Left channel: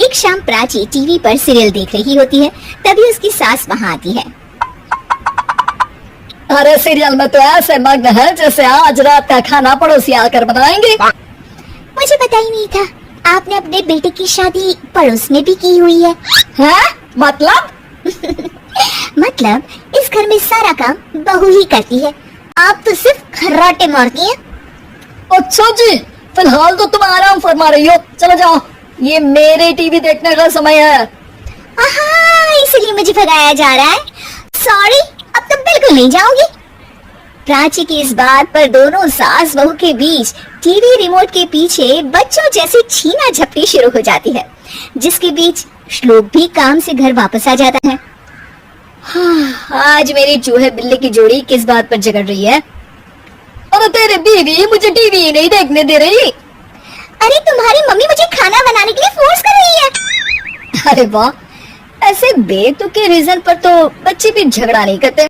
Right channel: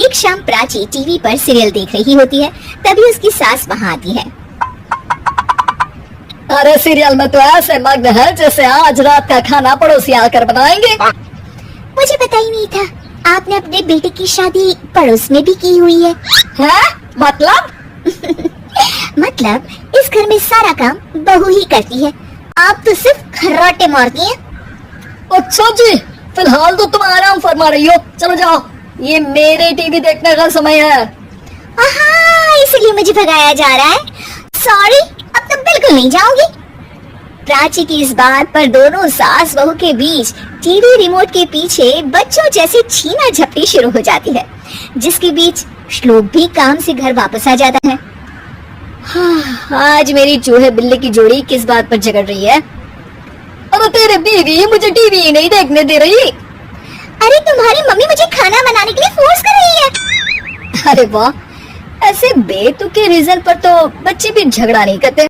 एक शाम प्राची टीवी पर सीरियल देख रही होती है, तभी उसकी सास वहाँ आती है। अरे सीरियल में तो ऐसे मग्न है जैसे आज रात का खाना पड़ोसी आकर बनाएंगे। मुझे पता ही नहीं था आपने अपने बेटे की शादी पड़ोस में भी की हुई है। मतलब? मतलब इस घर में सारा काम बहू ही करती है, आप तो सिर्फ खर्राटे मारती हैं। अच्छा जी, फिलहाल तो तुम आराम फरमा रही हो, चलो जाओ, ये मेरे टीवी देखने का समय है। इसलिए मुझे भगाया जा रहा है। सॉरी, अब तो बिल्कुल नहीं जाऊंगी। प्राची की इस बात पर दोनों सास बहू के बीच टीवी रिमोट के पीछे बच्चों जैसी छीना झपटी शुरू हो जाती है, जिसके बीच श्लोक भी काम से घर वापस आ जाता है। आज मेरी चूहे बिल्ली की जोड़ी किस बात पर झगड़ रही है? अरे तेरे बीवी मुझे टीवी ही नहीं देखने दे रही। अरे तुम्हारी मम्मी मुझे खाना बनाने के लिए फोर्स कर रही है। अरे वाह, ऐसे बेतुके रीजन पर तो बच्चे भी झगड़ा नहीं करते।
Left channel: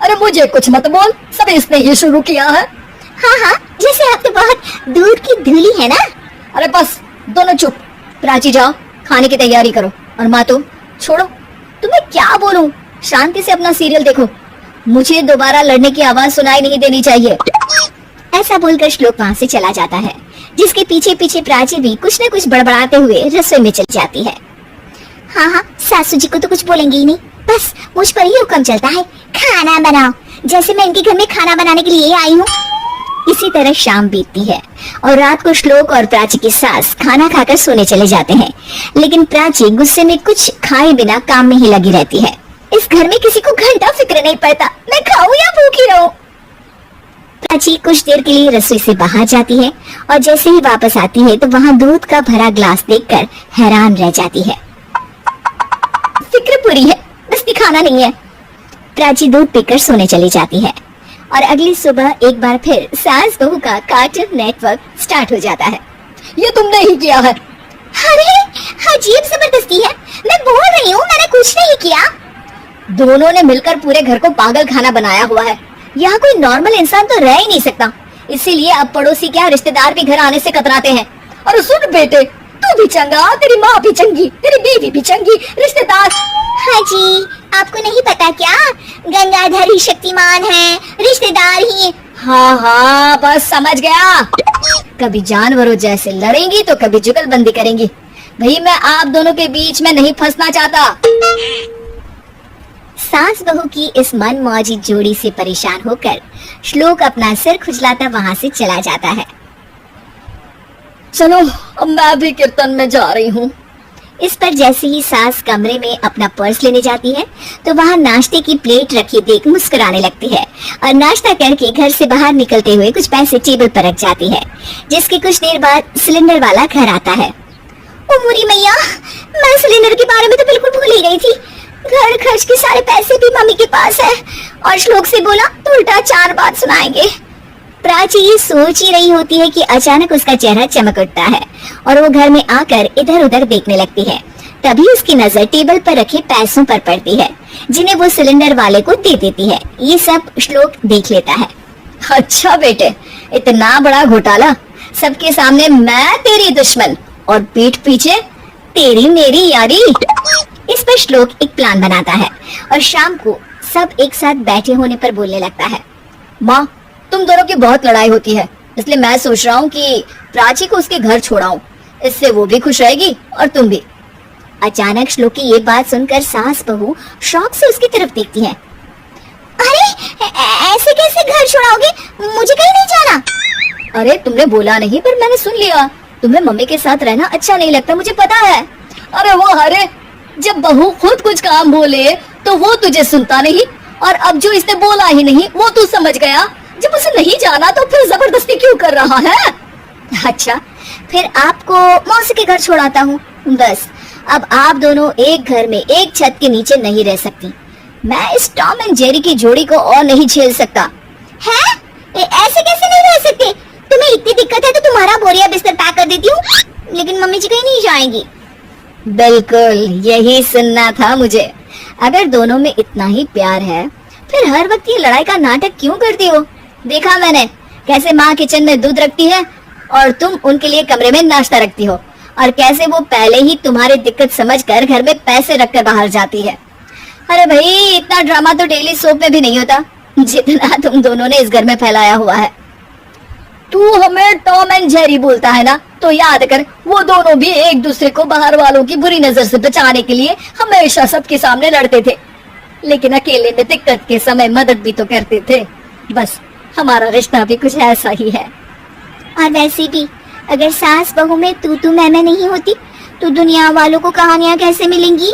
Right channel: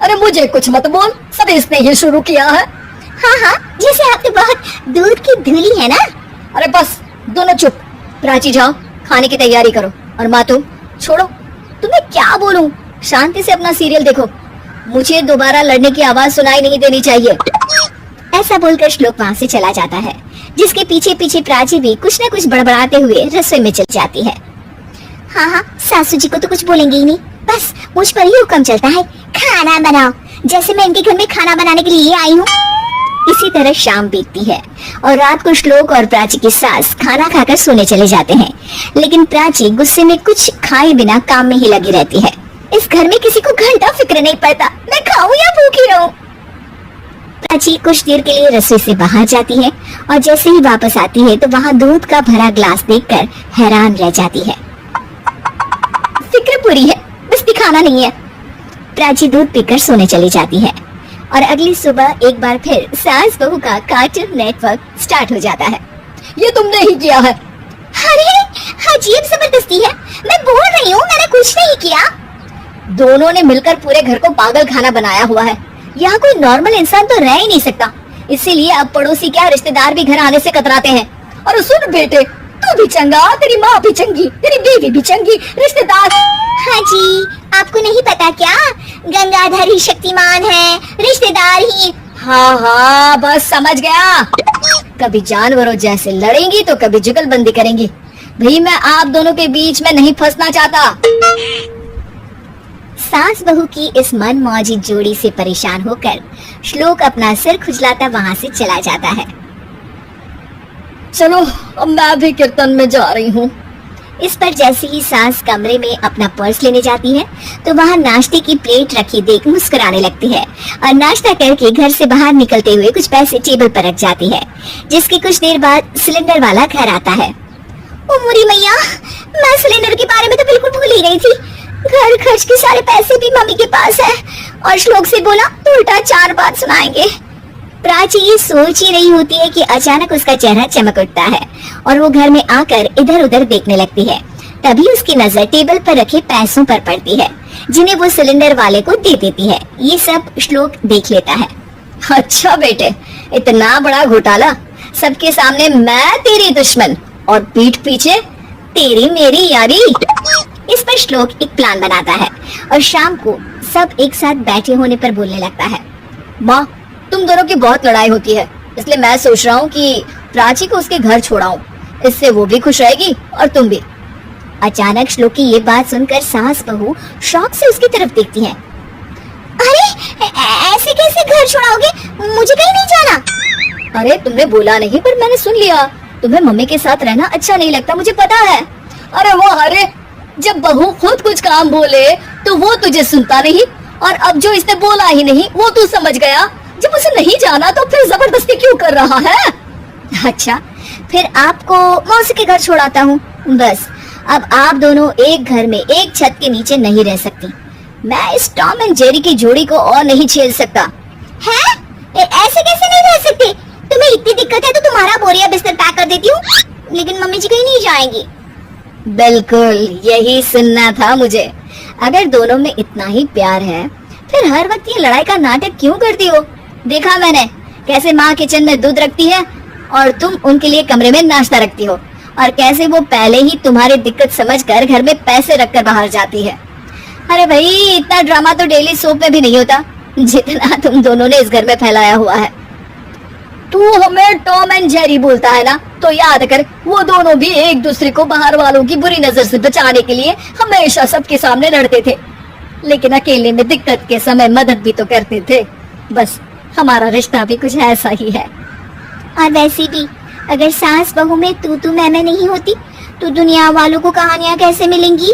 अरे मुझे कुछ मत बोल, सब इसने ही शुरू किया है। हाँ, जैसे आप तो बहुत दूध की धूली है ना। अरे बस दोनों चुप। प्राची जाओ, खाने की तैयारी करो। और माँ तो छोड़ो, तुम्हें क्या बोलूं, शांति से अपना सीरियल देखो, मुझे दोबारा लड़ने की आवाज सुनाई नहीं देनी चाहिए। ऐसा बोलकर श्लोक वहाँ से चला जाता है, जिसके पीछे पीछे प्राची भी कुछ न कुछ बड़बड़ाते हुए रसोई में चली जाती है। हाँ, सासू जी को तो कुछ बोलेंगे ही नहीं, बस मुझ पर ही हुक्म चलता है, खाना बनाओ, जैसे मैं इनके घर में खाना बनाने के लिए आई हूँ। इसी तरह शाम बीतती है और रात को श्लोक और प्राची की सास खाना खाकर सोने चले जाते हैं, लेकिन प्राची गुस्से में कुछ खाए बिना काम में ही लगी रहती है। इस घर में किसी को घंटा फिक्र नहीं पड़ता, मैं खाऊं या भूखी रहूं। प्राची कुछ देर के लिए रसोई से बाहर जाती है और जैसे ही वापस आती है तो वहाँ दूध का भरा ग्लास देखकर हैरान रह जाती है। फिक्र पूरी है, बस दिखाना नहीं है। प्राची दूध पीकर सोने चली जाती है और अगली सुबह एक बार फिर सास बहू का कार्टून नेटवर्क स्टार्ट हो जाता है। ये तुमने ही किया है। अरे अजीब जबरदस्ती है, मैं बोल रही हूँ मैंने कुछ नहीं किया। दोनों ने मिलकर पूरे घर को पागल खाना बनाया हुआ है। यहाँ कोई नॉर्मल इंसान तो रह ही नहीं सकता, इसीलिए अब पड़ोसी क्या रिश्तेदार भी घर आने से कतराते हैं। और सुन बेटे, तू भी चंगा, तेरी माँ भी चंगी, तेरी बीवी भी चंगी, रिश्तेदार। हाँ जी, आपको नहीं पता क्या, गंगाधर ही शक्तिमान है, रिश्तेदार ही। हाँ, बस समझ गया। कभी जानवरों जैसे लड़ेंगी तो कभी जुगलबंदी करेंगी। भाई मैं आप दोनों के बीच में नहीं फंसना चाहता। सास बहू की इस मन मौजी जोड़ी से परेशान होकर श्लोक अपना सिर खुजलाता वहाँ से चला जाता है। चलो अब मैं भी कीर्तन में जा रही हूँ। इस पर जैसे ही सास कमरे में अपना पर्स लेने जाती है तो वहाँ नाश्ते की प्लेट रखी देख मुस्कुराने लगती है और नाश्ता करके घर से बाहर निकलते हुए कुछ पैसे टेबल पर रख जाती है, जिसके कुछ देर बाद सिलेंडर वाला घर आता है। ओ मुरी मैया, मैं सिलेंडर के बारे में तो बिल्कुल भूल ही गई थी। घर खर्च के सारे पैसे भी मम्मी के पास है और श्लोक से बोला तो उल्टा 4 बात सुनाएंगे। प्राची ये सोच ही रही होती है कि अचानक उसका चेहरा चमक उठता है और वो घर में आकर इधर उधर देखने लगती है। तभी उसकी नजर टेबल पर रखे पैसों पर पड़ती है, जिन्हें वो सिलेंडर वाले को दे देती है। ये सब श्लोक देख लेता है। अच्छा बेटे, इतना बड़ा घोटाला, सबके सामने मैं तेरी दुश्मन और पीठ पीछे तेरी मेरी यारी। इस पर श्लोक एक प्लान बनाता है और शाम को सब एक साथ बैठे होने पर बोलने लगता है। माँ, तुम दोनों की बहुत लड़ाई होती है, इसलिए मैं सोच रहा हूँ कि प्राची को उसके घर छोड़ाऊं, इससे वो भी खुश रहेगी और तुम भी। अचानक श्लोक की ये बात सुनकर सास बहू शौक से उसकी तरफ देखती है। अरे ऐसे कैसे घर छोड़ाओगे, मुझे कहीं नहीं जाना। अरे तुमने बोला नहीं पर मैंने सुन लिया, तुम्हें मम्मी के साथ रहना अच्छा नहीं लगता, मुझे पता है। अरे वो अरे जब बहू खुद कुछ काम बोले तो वो तुझे सुनता नहीं, और अब जो इसने बोला ही नहीं वो तू समझ गया। जब उसे नहीं जाना तो फिर जबरदस्ती क्यों कर रहा है? अच्छा, फिर आपको मौसी के घर छोड़ाता हूँ। बस अब आप दोनों एक घर में एक छत के नीचे नहीं रह सकती। मैं इस टॉम एंड जेरी की जोड़ी को और नहीं झेल सकता। है? ऐसे कैसे नहीं रह सकते? तुम्हें इतनी दिक्कत है तो तुम्हारा बोरिया बिस्तर पैक कर देती हूँ, लेकिन मम्मी जी कहीं नहीं जाएंगी। बिल्कुल यही सुनना था मुझे। अगर दोनों में इतना ही प्यार है फिर हर वक्त ये लड़ाई का नाटक क्यों करती हो? देखा मैंने कैसे माँ किचन में दूध रखती है और तुम उनके लिए कमरे में नाश्ता रखती हो, और कैसे वो पहले ही तुम्हारी दिक्कत समझकर घर में पैसे रखकर बाहर जाती है। अरे भाई, इतना ड्रामा तो डेली सोप में भी नहीं होता जितना तुम दोनों ने इस घर में फैलाया हुआ है। तू हमें टॉम एंड जेरी बोलता है ना, तो याद कर वो दोनों भी एक दूसरे को बाहर वालों की बुरी नजर से बचाने के लिए हमेशा सबके सामने लड़ते थे, लेकिन अकेले में दिक्कत के समय मदद भी तो करते थे। बस हमारा रिश्ता भी कुछ ऐसा ही है। और वैसे भी अगर सास बहू में तू मैं नहीं होती तो दुनिया वालों को कहानियां कैसे मिलेंगी?